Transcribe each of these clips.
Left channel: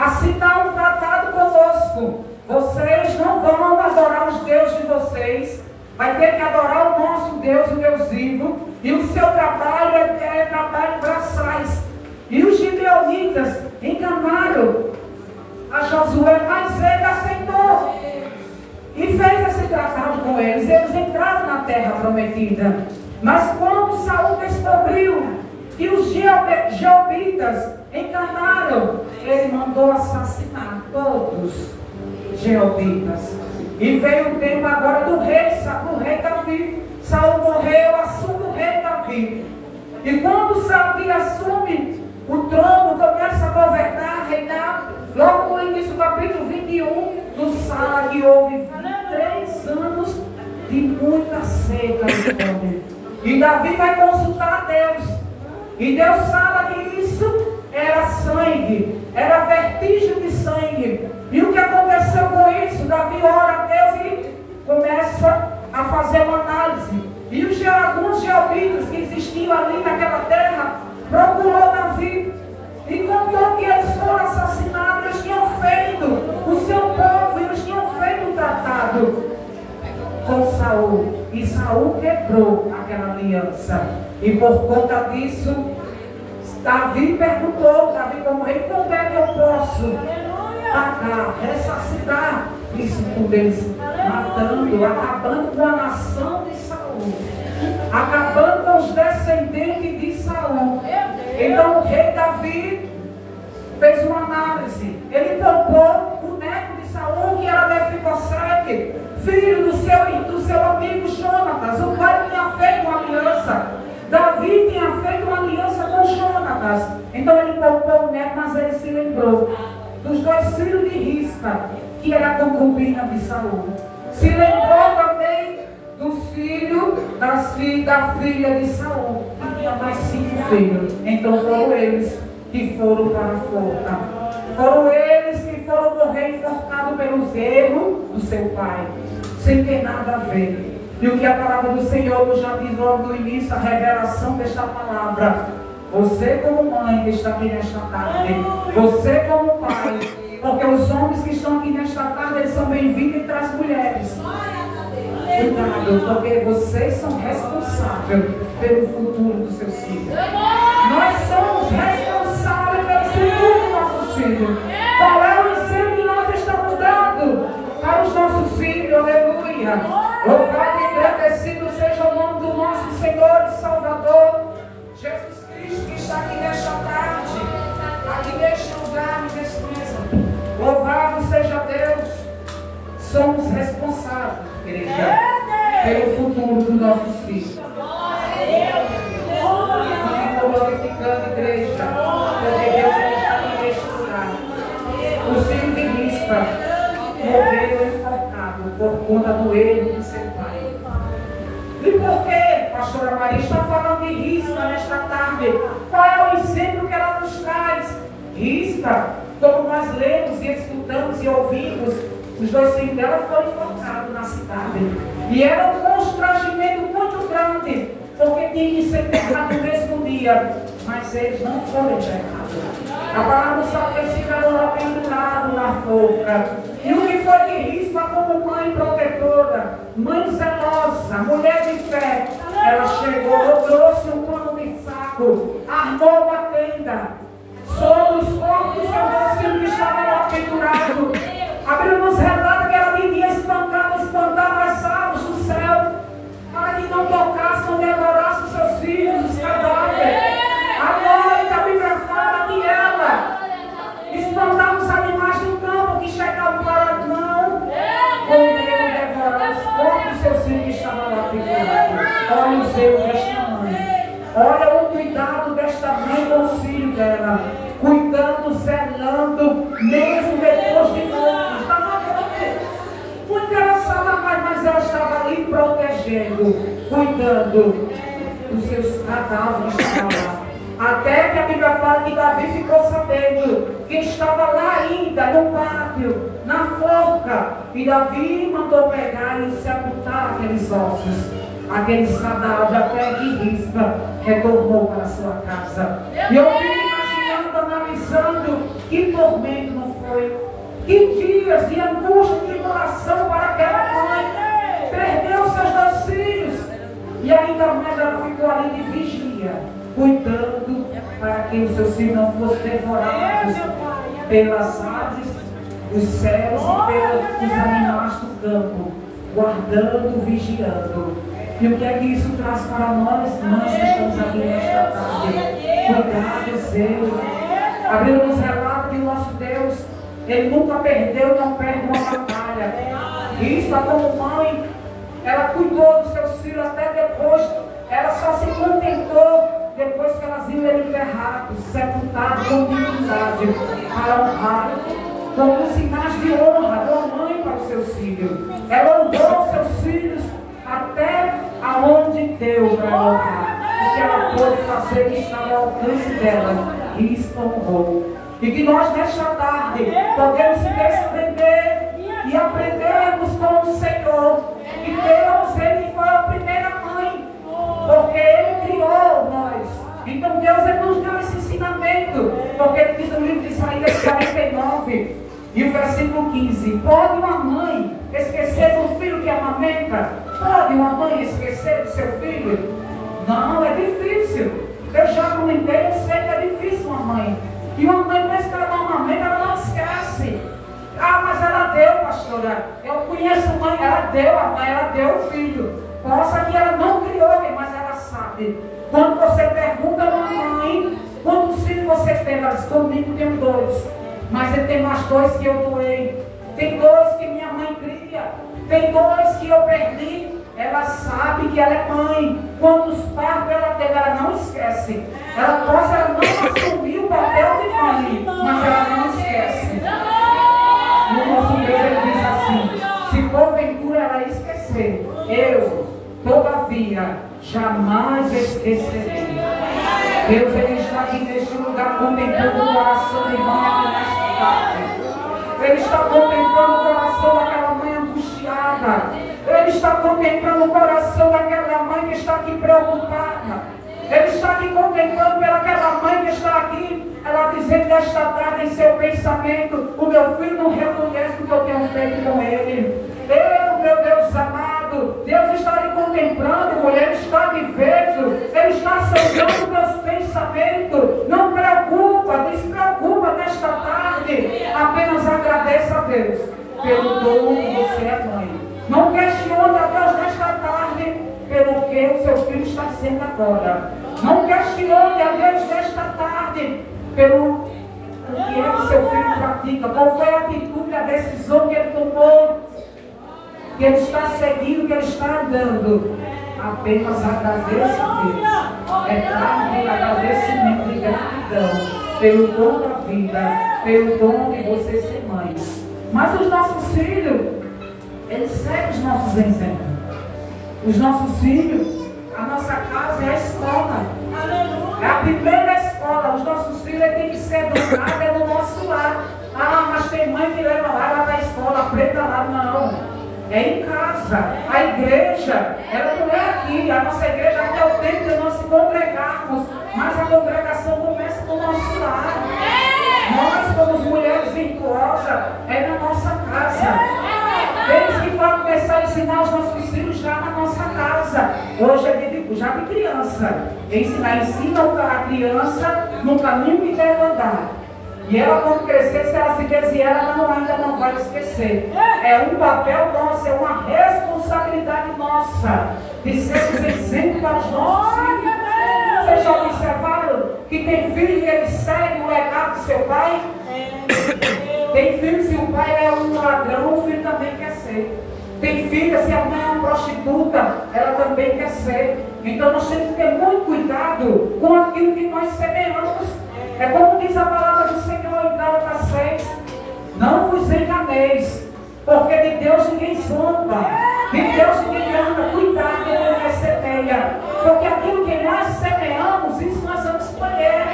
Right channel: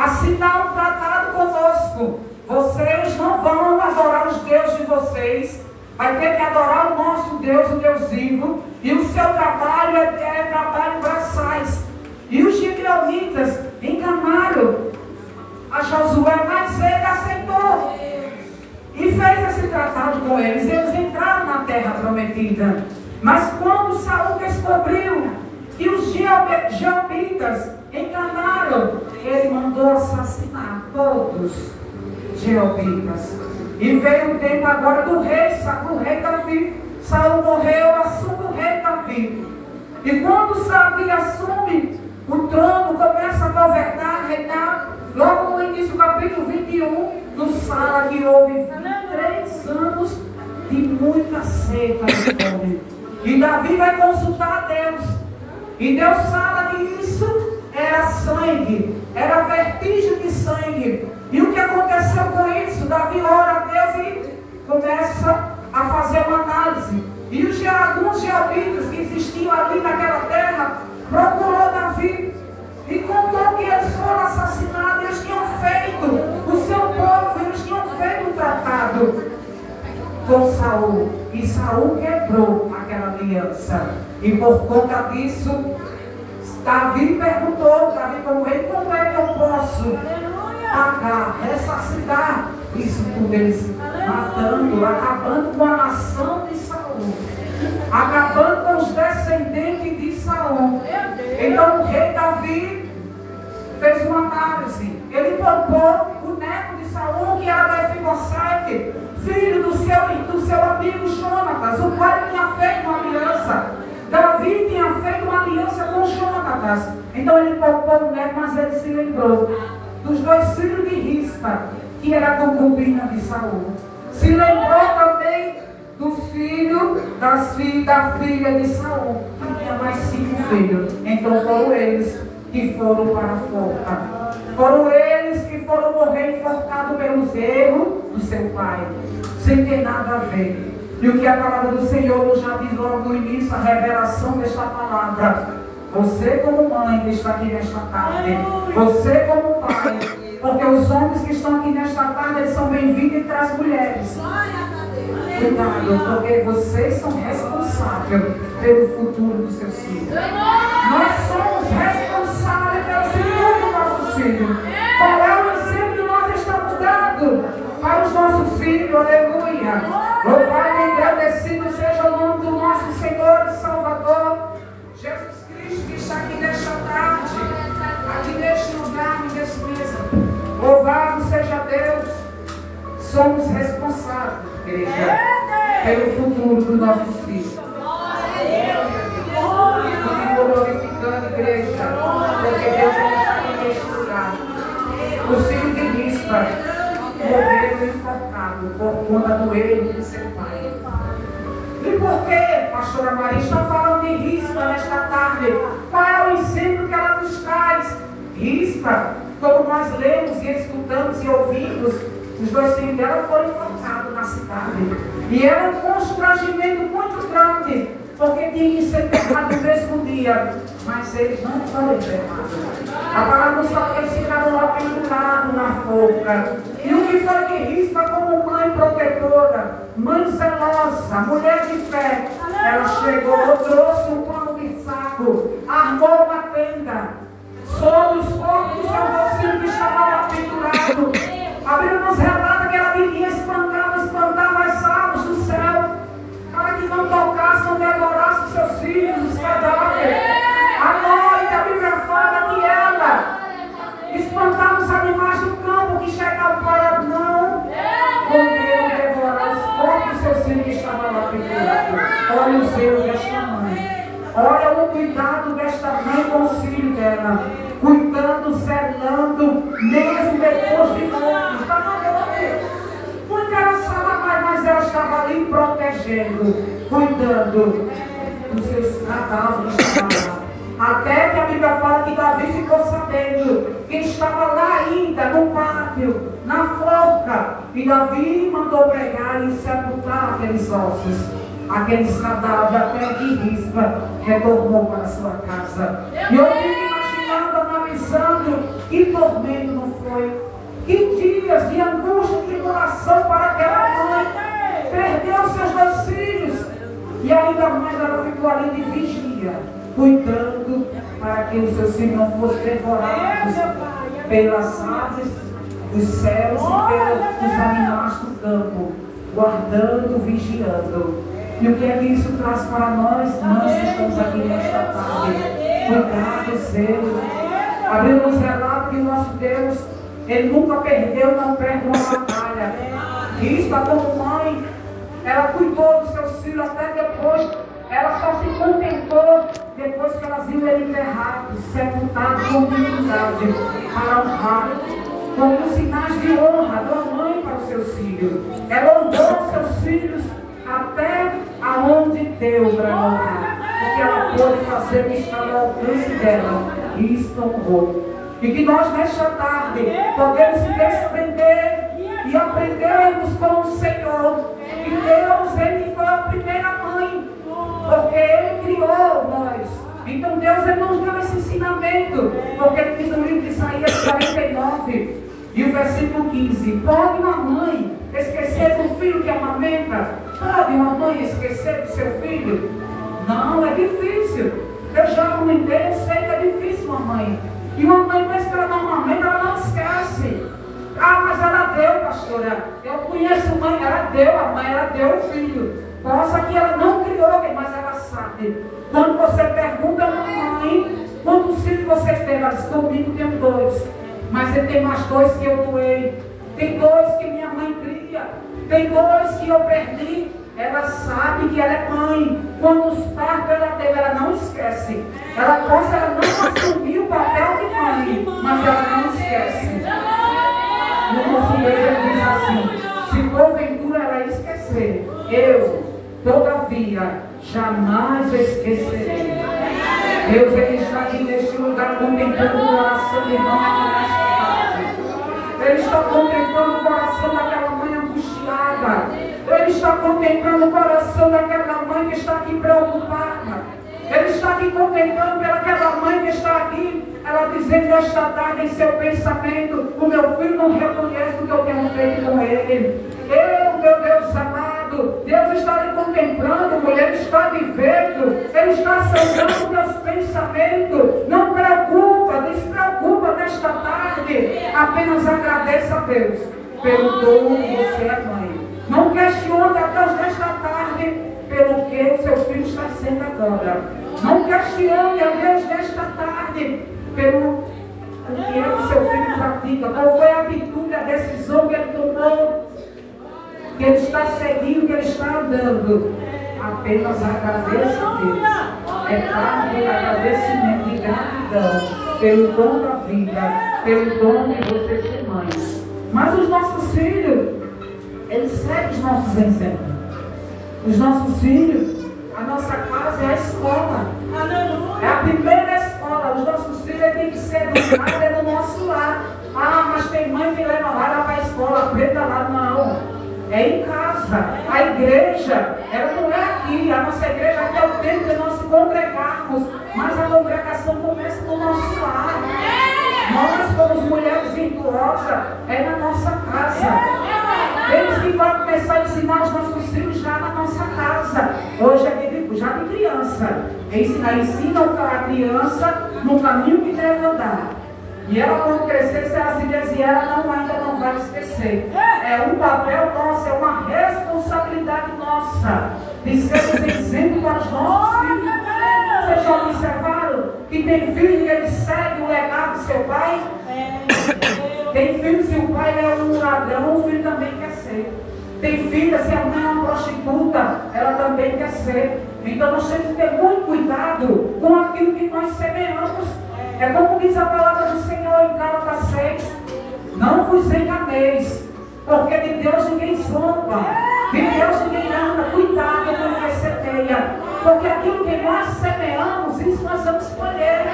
assinar um tratado conosco. Vocês não vão adorar os deuses de vocês, vai ter que adorar o nosso Deus, o Deus vivo, e o seu trabalho é trabalho braçais. E os gibeonitas enganaram a Josué, mas ele aceitou e fez esse tratado com eles. Eles entraram na terra prometida. Mas quando Saul descobriu que os jeobitas enganaram, ele mandou assassinar todos os jeobitas. E veio o tempo agora do rei Davi. Saul morreu, assume o rei Davi. E quando Davi assume o trono, começa a governar, a reinar, logo no início do capítulo 21 do Salmo, houve 23 anos de muita seca e fome. E Davi vai consultar a Deus. E Deus fala que isso era sangue, era vestígio de sangue. E o que aconteceu com isso? Davi ora a Deus e começa a fazer uma análise. E alguns jeobitas que existiam ali naquela terra procurou Davi e contou que eles foram assassinados. Eles tinham feito o seu povo, eles tinham feito um tratado com Saul. E Saul quebrou aquela aliança. E por conta disso, Davi perguntou, Davi como rei, como é que eu posso pagar, ressarcitar isso por eles, matando, acabando com a nação de Saul, acabando com os descendentes de Saul. Então o rei Davi fez uma análise. Ele poupou o neto de Saul, que era Mefibosete, filho do seu amigo Jonatas, o qual tinha feito uma aliança. Davi tinha feito uma aliança com Jonatas. Então ele poupou o neto, mas ele se lembrou dos dois filhos de Rispa, que era a concubina de Saul. Se lembrou também do filho da filha de Saul, que tinha mais 5 filhos. Então foram eles que foram para a forca. Foram eles que foram morrer enforcados pelos erros do seu pai, sem ter nada a ver. E o que a palavra do Senhor nos já diz logo no início, a revelação desta palavra. Você como mãe que está aqui nesta tarde, você como pai, porque os homens que estão aqui nesta tarde, eles são bem-vindos entre as mulheres. Cuidado, porque vocês são responsáveis pelo futuro dos seus filhos. Nós somos responsáveis pelo futuro dos nossos filhos. Qual é o ensino que nós estamos dando para os nossos filhos? Aleluia. Louvado e agradecido seja o nome do nosso Senhor e Salvador Jesus Cristo, que está aqui nesta tarde, aqui neste lugar, nesta mesa. Louvado seja Deus. Somos responsáveis, igreja, pelo futuro dos nossos filhos. Continua glorificando, igreja, porque Deus está aqui neste lugar. Os filhos de Rispa morreram enforcados por conta do erro de seu pai. E por que, pastora Maria, está falando de Rispa nesta tarde? Qual é o ensino que ela nos traz? Rispa, como nós lemos e escutamos e ouvimos, os dois filhos dela foram enforcados na cidade. E era um constrangimento muito grande, porque tinha que ser enterrado no mesmo dia. Mas eles não foram enterrados. A palavra nos fala que eles ficaram lá pendurados na forca. E o que foi de Rispa como mãe protetora, mãe zelosa, mulher de fé? Ela chegou, trouxe um pano de saco, armou uma tenda sobre os corpos dos seus filhos que estavam lá pendurados. Abriu nos relata que ela vivia espantava as aves do céu, para que não tocassem, não devorassem os seus filhos, os cadáveres. À noite, a Bíblia fala que ela espantava os animais do campo que chegavam para não comer, devorar os corpos dos seus filhos que estavam lá pendurados. Olha o zelo desta mãe. Olha o cuidado desta mãe com os filhos dela. Cuidando, zelando, mesmo depois de morto. Estava muito engraçada, mas ela estava ali protegendo, cuidando dos seus cadáveres que estavam lá. Até que a Bíblia fala que Davi ficou sabendo que estava lá ainda no pátio, na forca. E Davi mandou pegar e sepultar aqueles ossos, aqueles cadáveres, até que Rispa retornou para sua casa. E eu fico imaginando, analisando que tormento não foi. Que dias de angústia e tribulação para aquela mãe. Perdeu seus 2 filhos. E ainda mais ela ficou ali de vigia, cuidando para que os seus filhos não fossem devorados pelas aves dos céus e pelos animais do campo, guardando, vigiando. E o que é que isso traz para nós, mães que estamos aqui nesta tarde? Cuidado, zelo. A Bíblia nos relata que nosso Deus, Ele nunca perdeu, não perde uma batalha. E isso, como mãe, ela cuidou dos seus filhos até depois. Ela só se contentou depois que elas iam enterrados, sepultados com dignidade, para honrar, como sinais de honra da mãe para os seus filhos. Ela honrou seus filhos até aonde deu para honrar, porque ela pôde fazer o que estava ao alcance dela, e isso honrou. E que nós nesta tarde podemos se desprender e aprendermos com o Senhor que Deus, Ele foi a primeira mãe, porque Ele criou nós. Então Deus, Ele nos deu esse ensinamento, porque Ele diz no livro de Isaías 49 e o versículo 15: pode uma mãe esquecer do filho que amamenta? Pode uma mãe esquecer do seu filho? Não, é difícil. Eu já comentei, eu sei que é difícil uma mãe. E uma mãe, parece que ela não amamenta, ela não esquece. Ah, mas ela deu, pastora. Eu conheço mãe, ela deu a mãe, ela deu o filho. Possa que ela não criou, mas ela sabe. Quando você pergunta a uma mãe, quantos filhos você tem? Ela diz, comigo tenho 2. Mas ele tem mais 2 que eu doei. Tem 2 que minha mãe cria. Tem 2 que eu perdi. Ela sabe que ela é mãe. Quantos partos ela teve, ela não esquece. Ela não assumir o papel de mãe, mas ela não esquece. No nosso Deus ele diz assim: se porventura ela esquecer, eu, todavia, jamais esquecerei. Deus, Ele está aqui neste lugar contemplando o coração de irmão nesta tarde. Ele está contemplando o coração daquela mãe angustiada. Ele está contemplando o coração daquela mãe que está aqui preocupada. Ele está aqui contemplando pelaquela mãe que está aqui, ela dizendo nesta tarde em seu pensamento: o meu filho não reconhece o que eu tenho feito com ele. Eu, meu Deus amado, Deus está lhe contemplando, mulher, Ele está lhe vendo, Ele está sondando teus pensamentos. Não preocupa, despreocupa nesta tarde. Apenas agradeça a Deus pelo dom que você é mãe. Não questione a Deus nesta tarde pelo que o seu filho está sendo agora. Não questione a Deus nesta tarde pelo que é que seu filho pratica. Qual foi a atitude, a decisão que ele tomou, que ele está seguindo, que ele está andando. Apenas agradeça a Deus. É tarde de agradecimento e gratidão pelo dom da vida, pelo dom de você ser mãe. Mas os nossos filhos, eles seguem os nossos exemplos. Os nossos filhos, a nossa casa é a escola. É a primeira escola. Os nossos filhos têm que ser educados é no nosso lar. Ah, mas tem mãe que leva lá para a escola, aprenda lá. Não. É em casa. A igreja, ela não é aqui. A nossa igreja aqui é o tempo de nós se congregarmos. Mas a congregação começa no nosso lar. Nós, como mulheres virtuosas, é na nossa casa. Eles que vão começar a ensinar os nossos filhos já na nossa casa. Hoje é já de criança. Ensina a criança no caminho que deve andar. E ela, quando crescer, se ela se desviar, ela ainda não vai esquecer. É um papel nosso, é uma responsabilidade nossa de sermos exemplo para os nossos filhos. Vocês já observaram que tem filho que ele segue o legado do seu pai? Tem filho, se o pai é um ladrão, o filho também quer ser. Tem filha, se a mãe é uma prostituta, ela também quer ser. Então nós temos que ter muito cuidado com aquilo que nós semeamos. É como diz a palavra do Senhor em Gálatas 6: não vos enganeis, porque de Deus ninguém zomba, de Deus ninguém anda. Cuidado com o que semeia, porque aquilo que nós semeamos, isso nós vamos colher.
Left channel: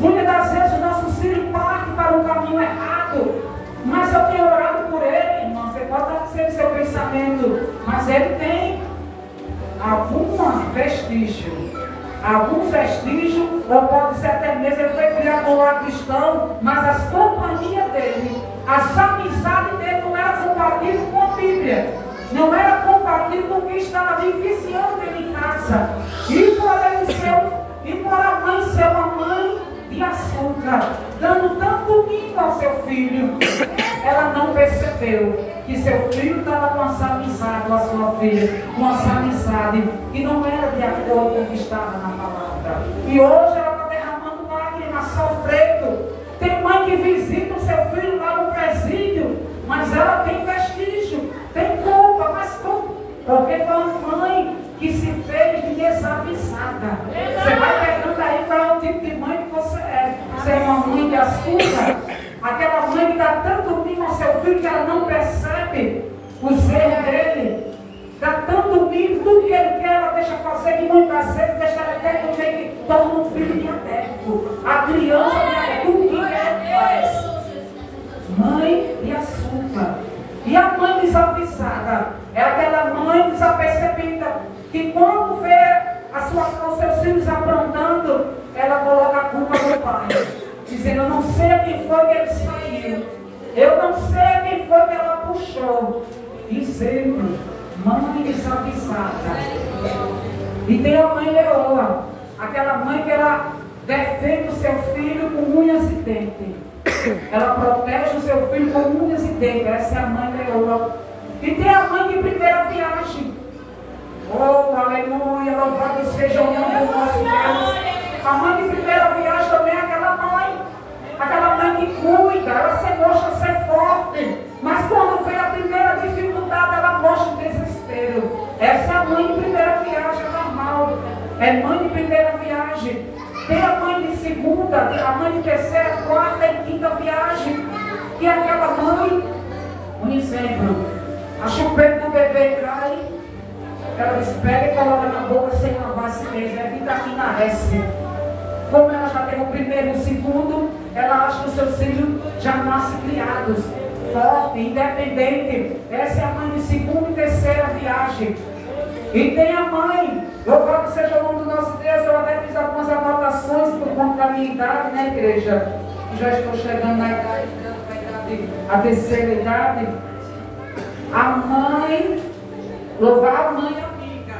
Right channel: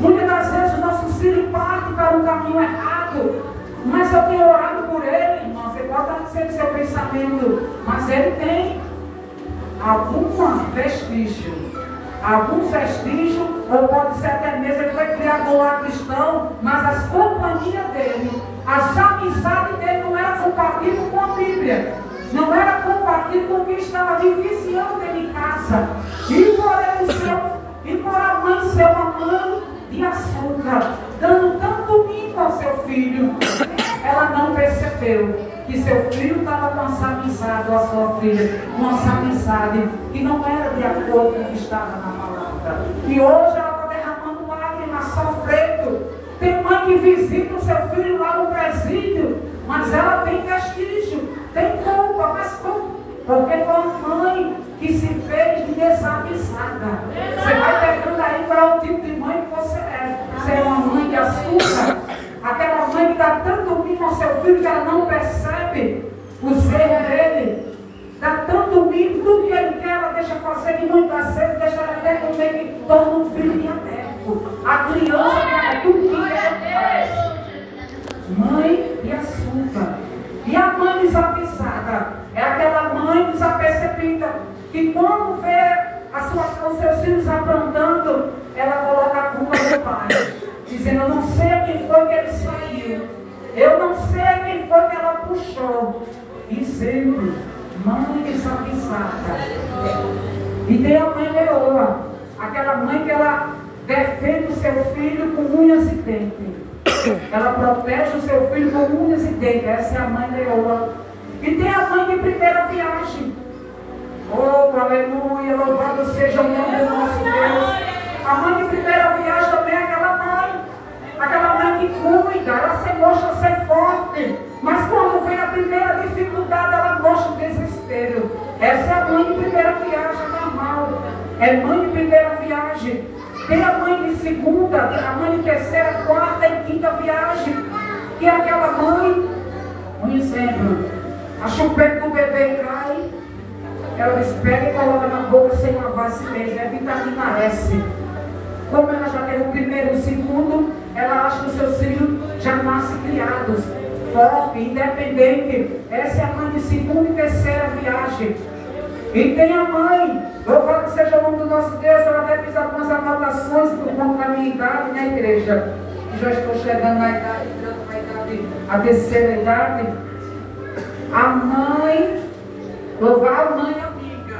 Muitas das vezes os nossos filhos partem para um caminho errado, mas eu tenho orado por ele, irmão. Você pode dizer seu pensamento, mas ele tem alguns vestígios, ou pode ser até mesmo ele foi criado no lar cristão, mas as companhias ali viciando dentro de casa. E por a mãe ser uma mãe de açúcar, dando tanto mimo ao seu filho, ela não percebeu que seu filho estava com essa amizade, ou a sua filha, com essa amizade, e não era de acordo com o que estava na palavra. E hoje ela está derramando lágrimas, sofrendo. Tem mãe que visita o seu filho lá no presídio, mas ela tem vestígio, tem culpa, mas como? Porque foi uma mãe que se fez de desavisada. Você vai pegando aí qual é o tipo de mãe que você é. Você é uma mãe de açúcar, aquela mãe que dá tanto mimo ao seu filho que ela não percebe os erros dele. Dá tanto mimo, tudo que ele quer, ela deixa fazer, que muitas vezes deixa ela até comer, que torna um filho diabético. A criança é tudo que ela faz. Mãe de açúcar. E a mãe desavisada é aquela mãe desapercebida que quando vê os seus filhos aprontando, ela coloca a culpa no pai, dizendo: eu não sei a quem foi que ele saiu, eu não sei a quem foi que ela puxou. Dizendo, mãe desavisada. E tem a mãe leoa, aquela mãe que ela defende o seu filho com unhas e dentes. Ela protege o seu filho com unhas e dentes. Essa é a mãe leoa. E tem a mãe de primeira viagem. Oh, aleluia, louvado seja o nome do nosso Deus. A mãe de primeira viagem também é aquela mãe que cuida, ela se mostra ser forte, mas quando vem a primeira dificuldade, ela mostra o desespero. Essa é a mãe de primeira viagem, é normal. É mãe de primeira viagem. Tem a mãe de segunda, a mãe de terceira, quarta e quinta viagem, que é aquela mãe, um exemplo, a chupeta do bebê cai, ela pega e coloca na boca sem lavar esse mês, é vitamina S. Como ela já tem o primeiro e o segundo, ela acha que os seus filhos já nascem criados, fortes, independentes. Essa é a mãe de segunda e terceira viagem. E tem a mãe, louvado seja o nome do nosso Deus. Eu até fiz algumas anotações por conta da minha idade na igreja. Já estou chegando na idade, a terceira idade. A mãe, louvar a mãe amiga.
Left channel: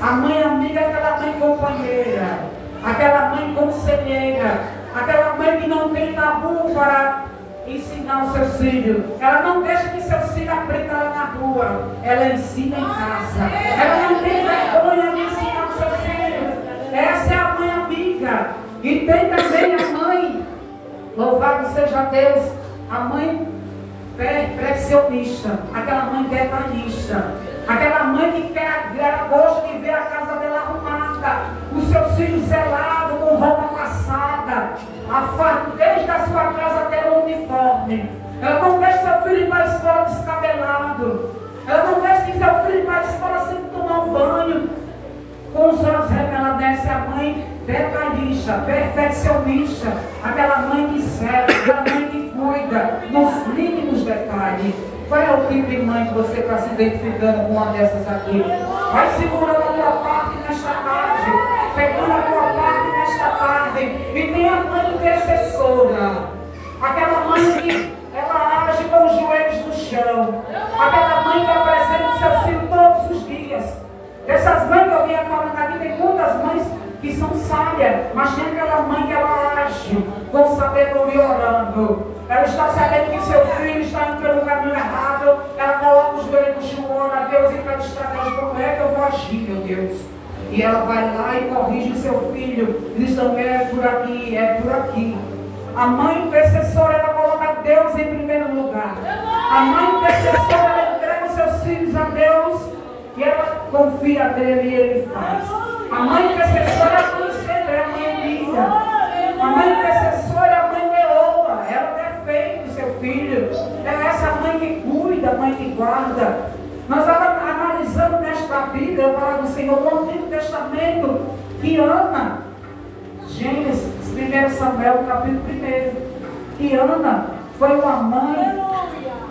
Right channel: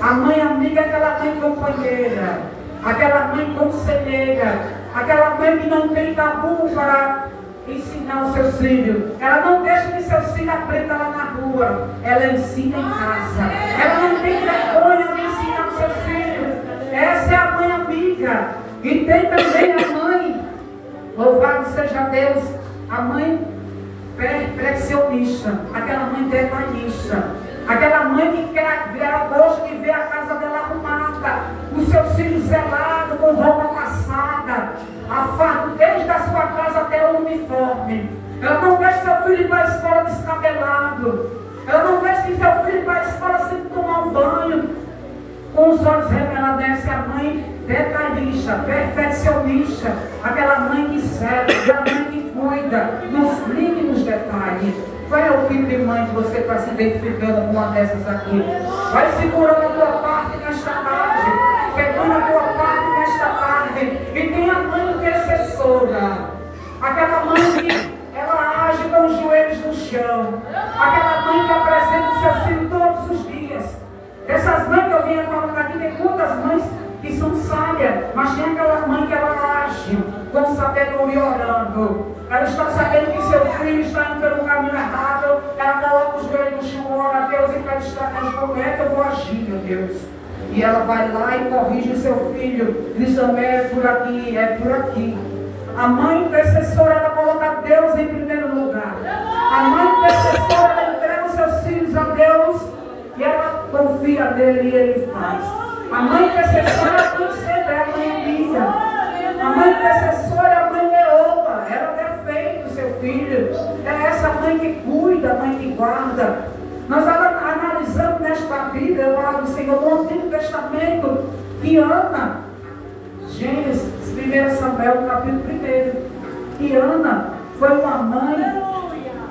A mãe amiga é aquela mãe companheira, aquela mãe conselheira, aquela mãe que não tem tabu para ensinar os seus filhos. Ela não deixa que seus filhos aprendam lá na rua, ela ensina em casa. Ela não tem vergonha de ensinar os seus filhos. Essa é a mãe amiga. E tem também a mãe, louvado seja Deus, a mãe perfeccionista, aquela mãe detalhista, aquela mãe que ela gosta de ver a casa dela arrumada, os seus filhos zelados, com roupa passada, a fardo desde a sua casa até o uniforme. Ela não deixa seu filho ir para a escola descabelado. Ela não deixa que seu filho ir para a escola sem tomar um banho, com os olhos revelados. Essa é a mãe detalhista, perfeccionista, aquela mãe que serve, aquela mãe que cuida nos mínimos detalhes. Qual é o tipo de mãe que você está se identificando com uma dessas aqui? Vai segurando a tua parte nesta tarde, pegando a tua parte nesta tarde. E tem a mãe intercessora, aquela mãe que ela age com os joelhos no chão, aquela mãe que apresenta o seu filho todos os dias. Essas mães que eu vinha falando aqui, tem muitas mães que são sábias, mas tem aquela mãe que ela age com sabedoria orando. Ela está sabendo que seu filho está indo pelo caminho errado, ela coloca os joelhos no chão, ora a Deus e pede estratégia. Como é que eu vou agir, meu Deus? E ela vai lá e corrige o seu filho, diz: não é por aqui, é por aqui. A mãe intercessora, ela coloca Deus em primeiro lugar. A mãe intercessora, ela entrega os seus filhos a Deus e ela confia nele e ele faz. A mãe intercessora é a mãe amiga. A mãe intercessora é a mãe leoa. Ela defende o seu filho. Ela é essa mãe que cuida, a mãe que guarda. Nós analisamos nesta Bíblia, a palavra do Senhor, no Antigo Testamento, que Ana, Gênesis, 1 Samuel, capítulo 1, que Ana foi uma mãe.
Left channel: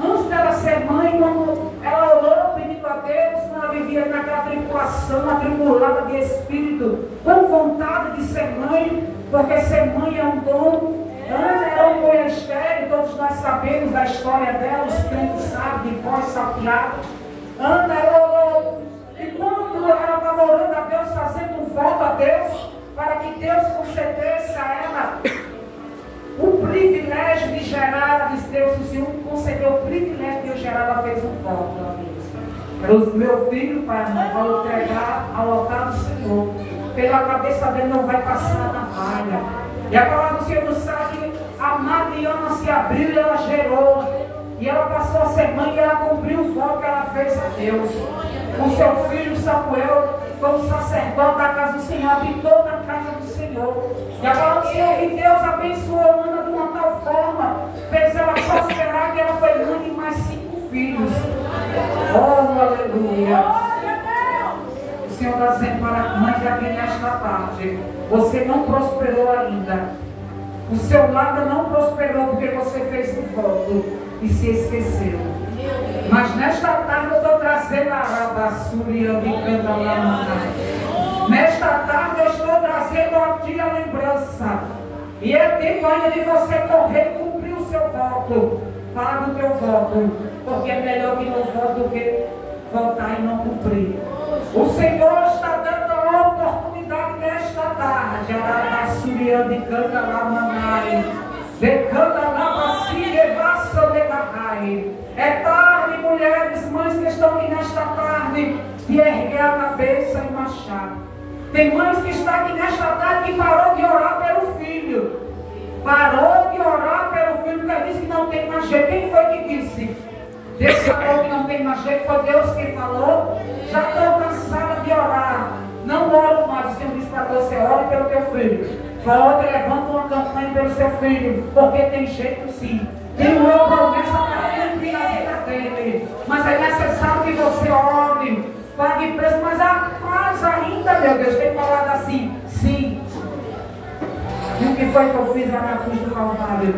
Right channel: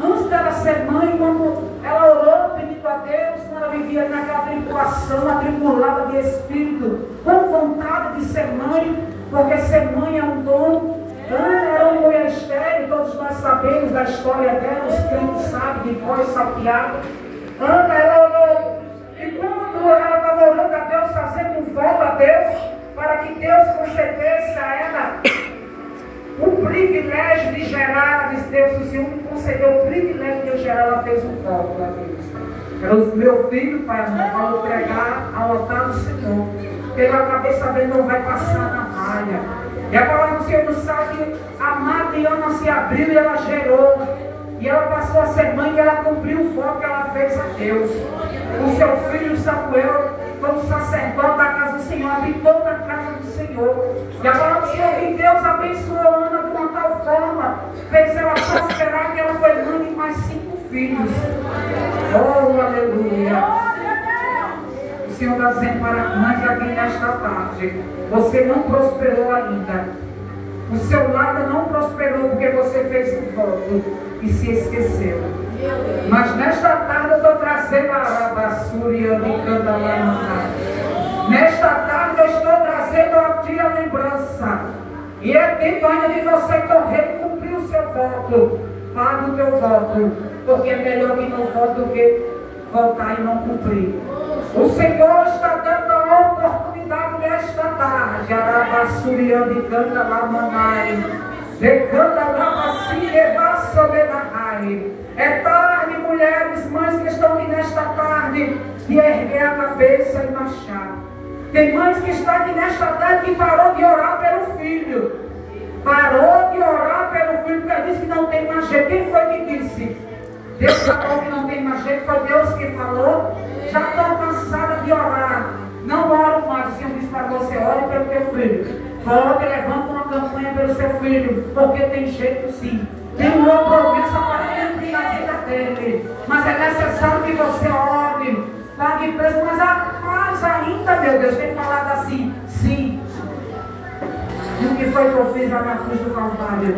Antes dela ser mãe, quando ela orou pedindo a Deus, ela vivia naquela tribulação, atribulada de espírito, com vontade de ser mãe, porque ser mãe é um dom. Ana era uma mulher estéril, todos nós sabemos da história dela, os crentes sabem, de voz salteada. Ana, ela orou, e quando concedesse a ela o privilégio de gerar, ela disse, Deus, se o Senhor me concedeu o privilégio de eu gerar, ela fez um voto para Deus. O meu filho, pai, mãe, vai entregar ao altar do Senhor. Pela cabeça dele não vai passar na malha. E a palavra do Senhor nos sabe que a Mariana se abriu e ela gerou. E ela passou a ser mãe e ela cumpriu o voto que ela fez a Deus. O seu filho Samuel foi um sacerdote da casa do Senhor, habitou na casa do Senhor. E a palavra do Senhor que Deus abençoou Ana de uma tal forma, fez ela prosperar que ela foi mãe de mais 5 filhos. Oh, aleluia! O Senhor está dizendo para as mães aqui nesta tarde, você não prosperou ainda. O seu lado não prosperou porque você fez um voto e se esqueceu. Mas nesta tarde eu estou trazendo a Arabassúria de Candalamana. Nesta tarde eu estou trazendo a ti a lembrança. E é tempo ainda de você correr e cumprir o seu voto. Paga o teu voto, porque é melhor que não vote do que voltar e não cumprir. O Senhor está dando a oportunidade nesta tarde. Arabassúria de Candalamana. É tarde, mulheres, mães que estão aqui nesta tarde, de erguer a cabeça e marchar. Tem mães que estão aqui nesta tarde que parou de orar pelo filho. Parou de orar pelo filho porque disse que não tem mais jeito. Quem foi que disse? Deus falou que não tem mais jeito, foi Deus que falou. Já estou cansada de orar. Não oro mais. O Senhor disse para você, ore pelo teu filho. Volte, levanta uma campanha pelo seu filho, porque tem jeito sim. Tem uma promessa para cumprir na vida dele. Mas é necessário que você ore, pague preço. Mas a paz ainda, meu Deus, tem falado assim, sim. E o que foi que eu fiz lá na cruz do Calvário?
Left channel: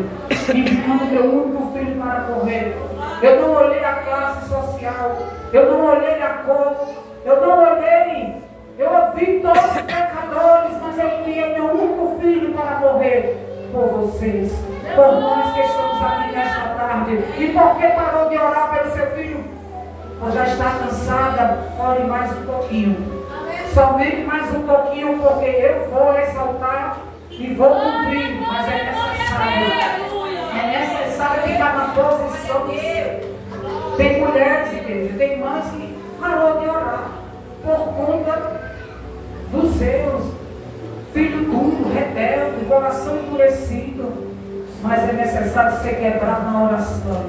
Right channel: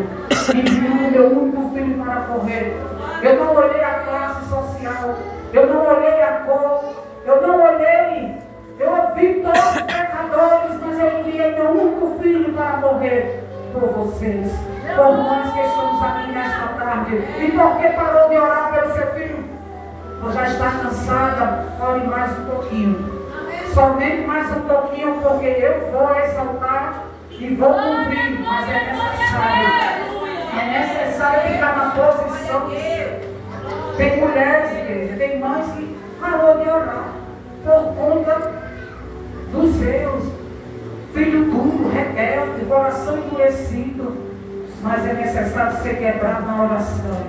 Enviando meu único filho para correr. Eu não olhei a classe social, eu não olhei a cor, eu não olhei. Eu ouvi todos os pecadores, mas eu enviei meu único filho para morrer por vocês, por nós que estamos aqui nesta tarde. E por que parou de orar pelo seu filho? Ou já está cansada? Ore mais um pouquinho. Somente mais um pouquinho, porque eu vou exaltar e vou cumprir. Mas é necessário ficar na posição de ser. Tem mulheres, igreja, tem mães que parou de orar por conta dos seus, filho duro, rebelde, coração endurecido. Mas é necessário ser quebrado na oração.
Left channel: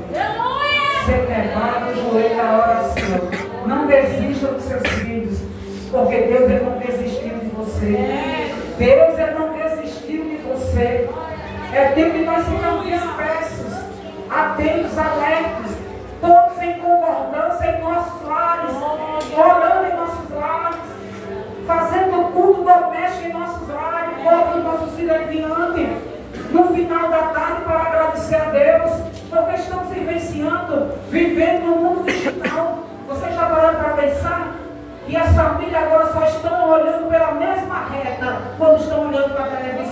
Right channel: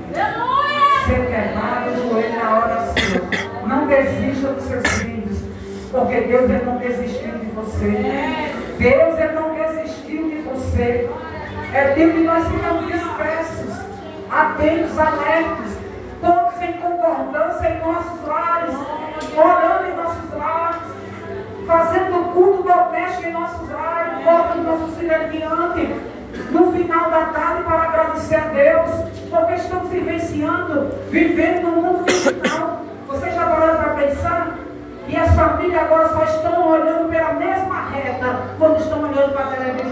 Ser quebrado o joelho na oração. Não desista dos seus filhos, porque Deus ele não desistiu de você. Deus ele não desistiu de você. É tempo que nós ficamos dispersos, atentos, alertas, todos em concordância em nossos lares, orando em nossos lares, fazendo culto doméstico em nossos lares, colocando nossos filhos adiante, no final da tarde, para agradecer a Deus, porque estamos vivenciando, vivendo no mundo digital. Você já parou para pensar? E as famílias agora só estão olhando pela mesma reta quando estão olhando para a televisão.